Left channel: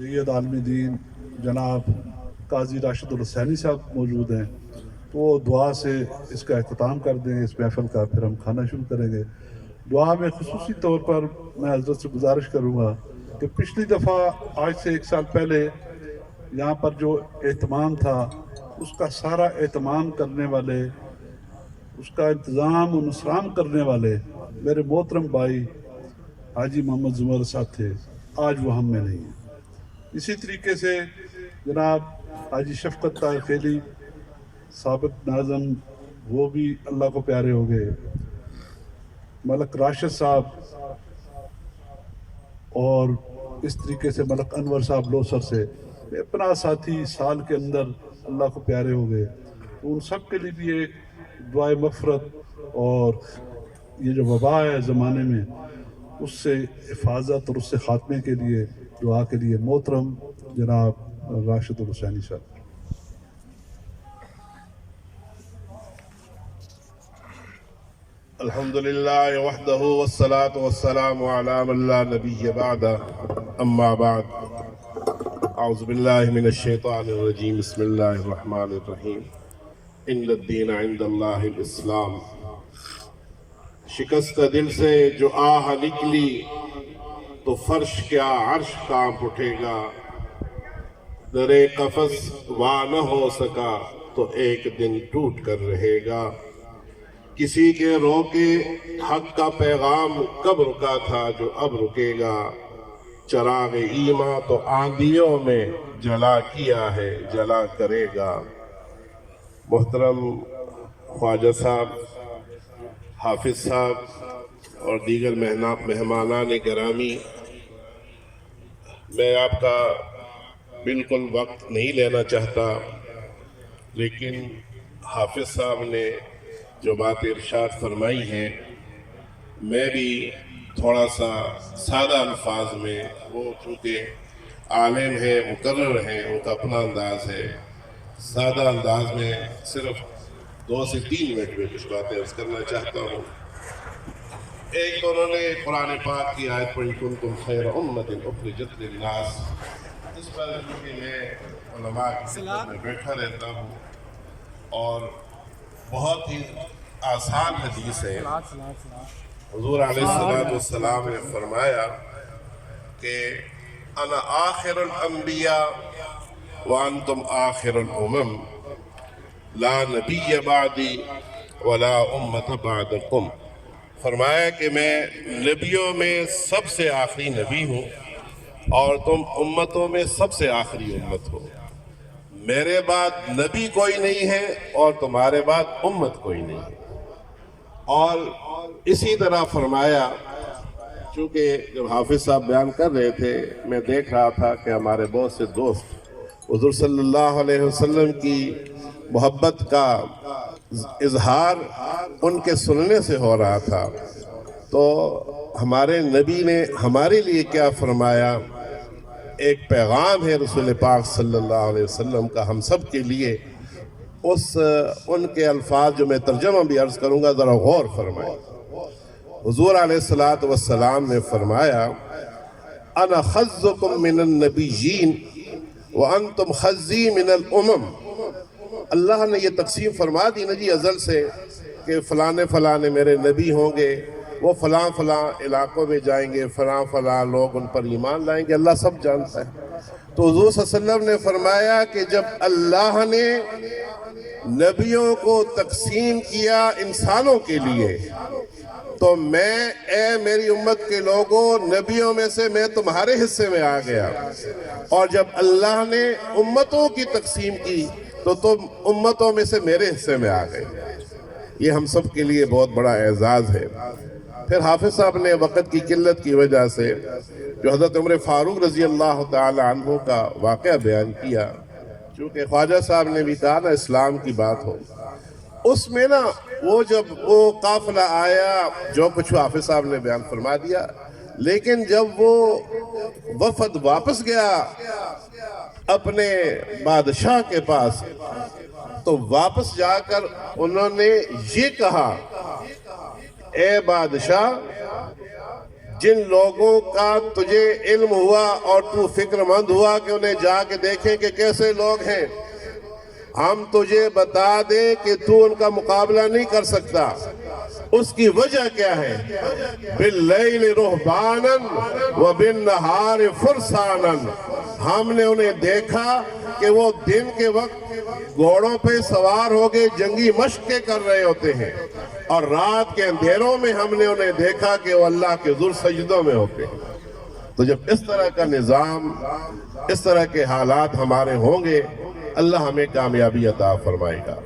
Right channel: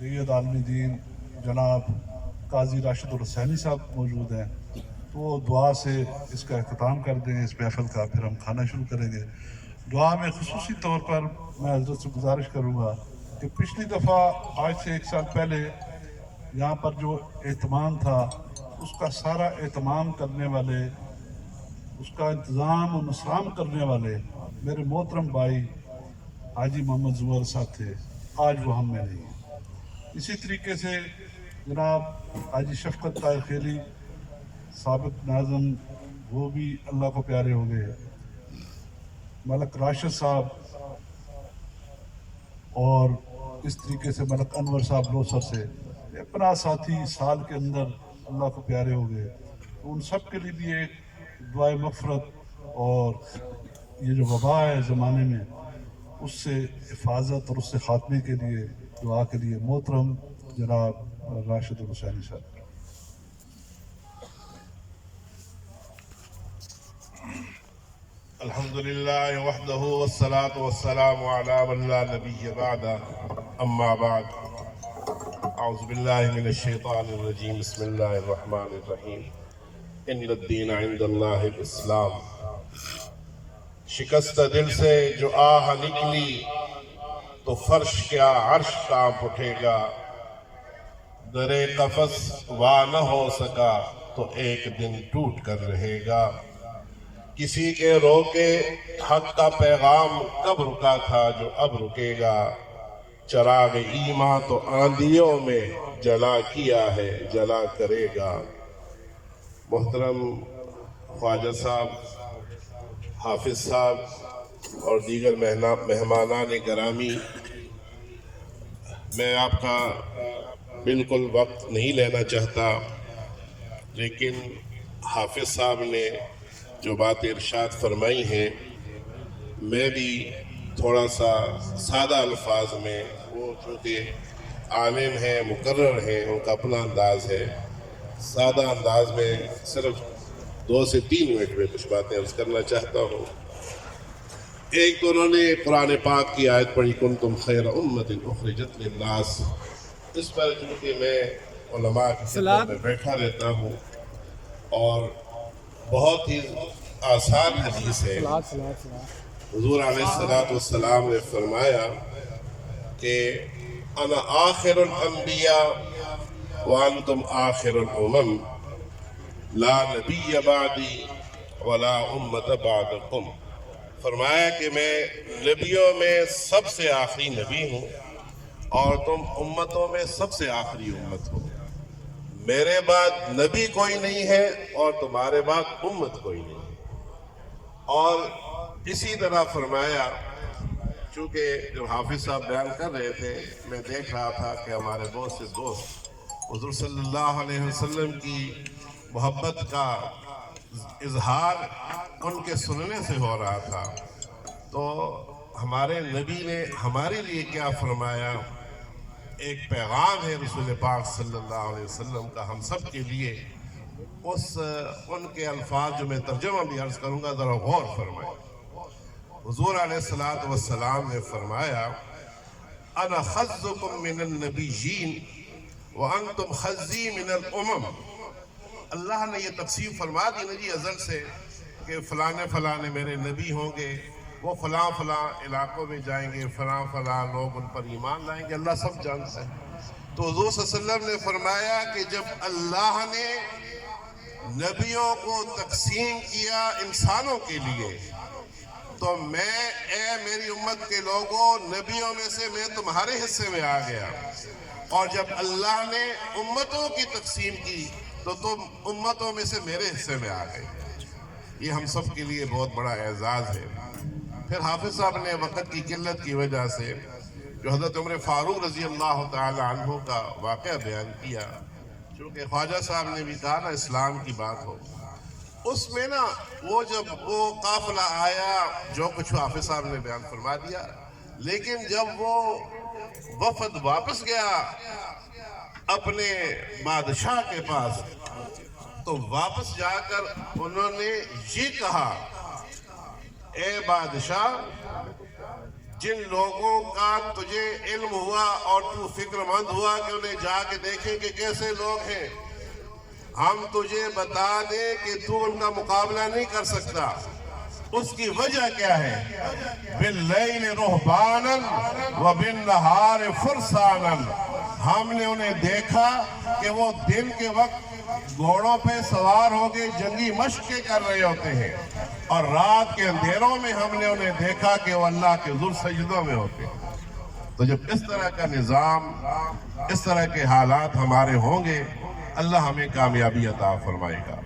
जैद आलमी दीन जनाब काजी राशिद हुसैनी साहब मौजूद हैं, तो वो दुआ से इसका अख्ताम कर दें इस महफ़िल का, फिर हम खाना शुरू करेंगे। दुआ में ख़ुसूसी तौर पर मैं हज़रत से गुजारिश करूँगा कि पिछली दफ़ा आज से 1 साल पहले यहाँ पर जो एहतमाम था, उसका सारा एहतमाम करने वाले, उसका इंतज़ाम और नसराम करने वाले मेरे मोहतरम भाई हाजी मोहम्मद ज़ुमर साहब थे। आज वो हम में नहीं है। इसी तरीके से जनाब हाजी शफ़क़त ताहिर खेली साबिक़ नाज़म, वो भी अल्लाह को प्यारे हो गए। मलक राशिद साहब और इस तरीके से मलक अनवर साहब लोसर से अपना साथी साल के अंदर अल्लाह को प्यारे हो गए। तो उन सब के लिए भी एक दुआए मग़फ़िरत और ये जो वबा है ज़माने में, उससे हिफाजत और उससे ख़ात्मे के लिए दुआ के लिए मोहतरम जनाब राशिद हुसैनी साहब। अल्हम्दुलिल्लाह वहदहु वस्सलातु वस्सलामु अला मन ला नबिय्य बअदा, अम्मा बाद। अऊज़ु बिल्लाहि मिनश शैतानिर रजीम, बिस्मिल्लाहिर रहमानिर रहीम। इन्नद-दीन इंदल्लाहिल इस्लाम। शिकस्त दिल से जो आह निकली तो फर्श क्या अर्श कांप उठेगा। दरे कफस वा न हो सका तो एक दिन टूट कर रहेगा। किसी के रोके हक का पैगाम कब रुका था जो अब रुकेगा। चराग ईमा तो आंधियों में जला किया है, जला करेगा। मोहतरम ख्वाजा साहब, हाफिज साहब और दीगर मेहमानान गिरामी, मैं आपका बिल्कुल वक्त नहीं लेना चाहता, लेकिन हाफिज साहब ने जो बात इरशाद फरमाई हैं, मैं भी थोड़ा सा सादा अल्फाज में, वो चूँकि आलिम है, मुकर्रर है, उनका अपना अंदाज़ है, सादा अंदाज में सिर्फ 2 से 3 मिनट में कुछ बातें अर्ज़ करना चाहता हूँ। एक तो उन्होंने कुरान पाक की आयत पढ़ी, कुंतुम खैरा उम्मतिन उखरिजत लिन्नास। इस पर चूँकि मैं उलमा की खिदमत में बैठा रहता हूँ और बहुत ही आसान हदीस है। हुज़ूर अलैहिस्सलातु वस्सलाम ने फरमाया कि अना आखिरुल अंबिया व अंतुम आखिरुल उमम, ला नबिय्य बादी वला उम्मत बादकुम। फरमाया कि मैं नबियों में सबसे आखिरी नबी हूँ और तुम उम्मतों में सबसे आखिरी उम्मत हो। मेरे बाद नबी कोई नहीं है और तुम्हारे बाद उम्मत कोई नहीं है। और इसी तरह फरमाया, चूँकि जब हाफिज साहब बयान कर रहे थे, मैं देख रहा था कि हमारे बहुत से दोस्त हुज़ूर सल्लल्लाहु अलैहि वसल्लम की मोहब्बत का इजहार उनके सुनने से हो रहा था। तो हमारे नबी ने हमारे लिए क्या फरमाया, एक पैगाम है रसूल पाक सल्लल्लाहु अलैहि वसल्लम का हम सब के लिए। उनके अल्फाज जो मैं तर्जमा भी अर्ज़ करूँगा, ज़रा गौर फरमाएं। हुज़ूर अलैहिस्सलातु वस्सलाम ने फरमाया, अना खज़्ज़ुकुम मिनन नबिय्यीन व अंतुम खज़्ज़ी मिनल उमम। अल्लाह ने ये तक़सीम फरमा दी ना जी अज़ल से कि फ़लाने फ़लाने मेरे नबी होंगे, वो फ़लाँ फ़लाँ इलाक़ों में जाएंगे, फ़लाँ फ़लाँ लोग उन पर ईमान लाएंगे। अल्लाह सब जानता है। तो हुज़ूर सल्लल्लाहु अलैहि वसल्लम ने फरमाया कि जब अल्लाह ने नबियों को तक़सीम किया इंसानों के लिए, तो मैं, ए मेरी उम्मत के लोगों, नबियों में से मैं तुम्हारे हिस्से में आ गया। और जब अल्लाह ने उम्मतों की तक़सीम की तो तुम उम्मतों में से मेरे हिस्से में आ गए। ये हम सब के लिए बहुत बड़ा एजाज़ है। फिर हाफिज साहब ने वक़्त की किल्लत की वजह से जो हज़रत उमर फ़ारूक रज़ी अल्लाह तआला अन्हु का वाक़या बयान किया, चूँकि ख्वाजा साहब ने भी कहा ना इस्लाम की बात हो, उसमें ना वो जब वो काफ़िला आया, जो कुछ हाफिज साहब ने बयान फरमा दिया, लेकिन जब वो वफ़द वापस गया अपने बादशाह के पास, तो वापस जाकर उन्होंने ये कहा, ए बादशाह, جن لوگوں کا تجھے علم ہوا اور تو فکر مند ہوا کہ انہیں جا کے دیکھیں کہ کیسے لوگ ہیں، ہم تجھے بتا دیں کہ تو ان کا مقابلہ نہیں کر سکتا۔ اس کی وجہ کیا ہے؟ باللیل رہباناً وبالنہار فرساناً، ہم نے انہیں دیکھا کہ وہ دن کے وقت گھوڑوں پہ سوار ہو کے جنگی مشقیں کر رہے ہوتے ہیں، اور رات کے اندھیروں میں ہم نے انہیں دیکھا کہ وہ اللہ کے ذل سجدوں میں ہوتے ہیں۔ تو جب اس طرح کا نظام، اس طرح کے حالات ہمارے ہوں گے، اللہ ہمیں کامیابی عطا فرمائے گا۔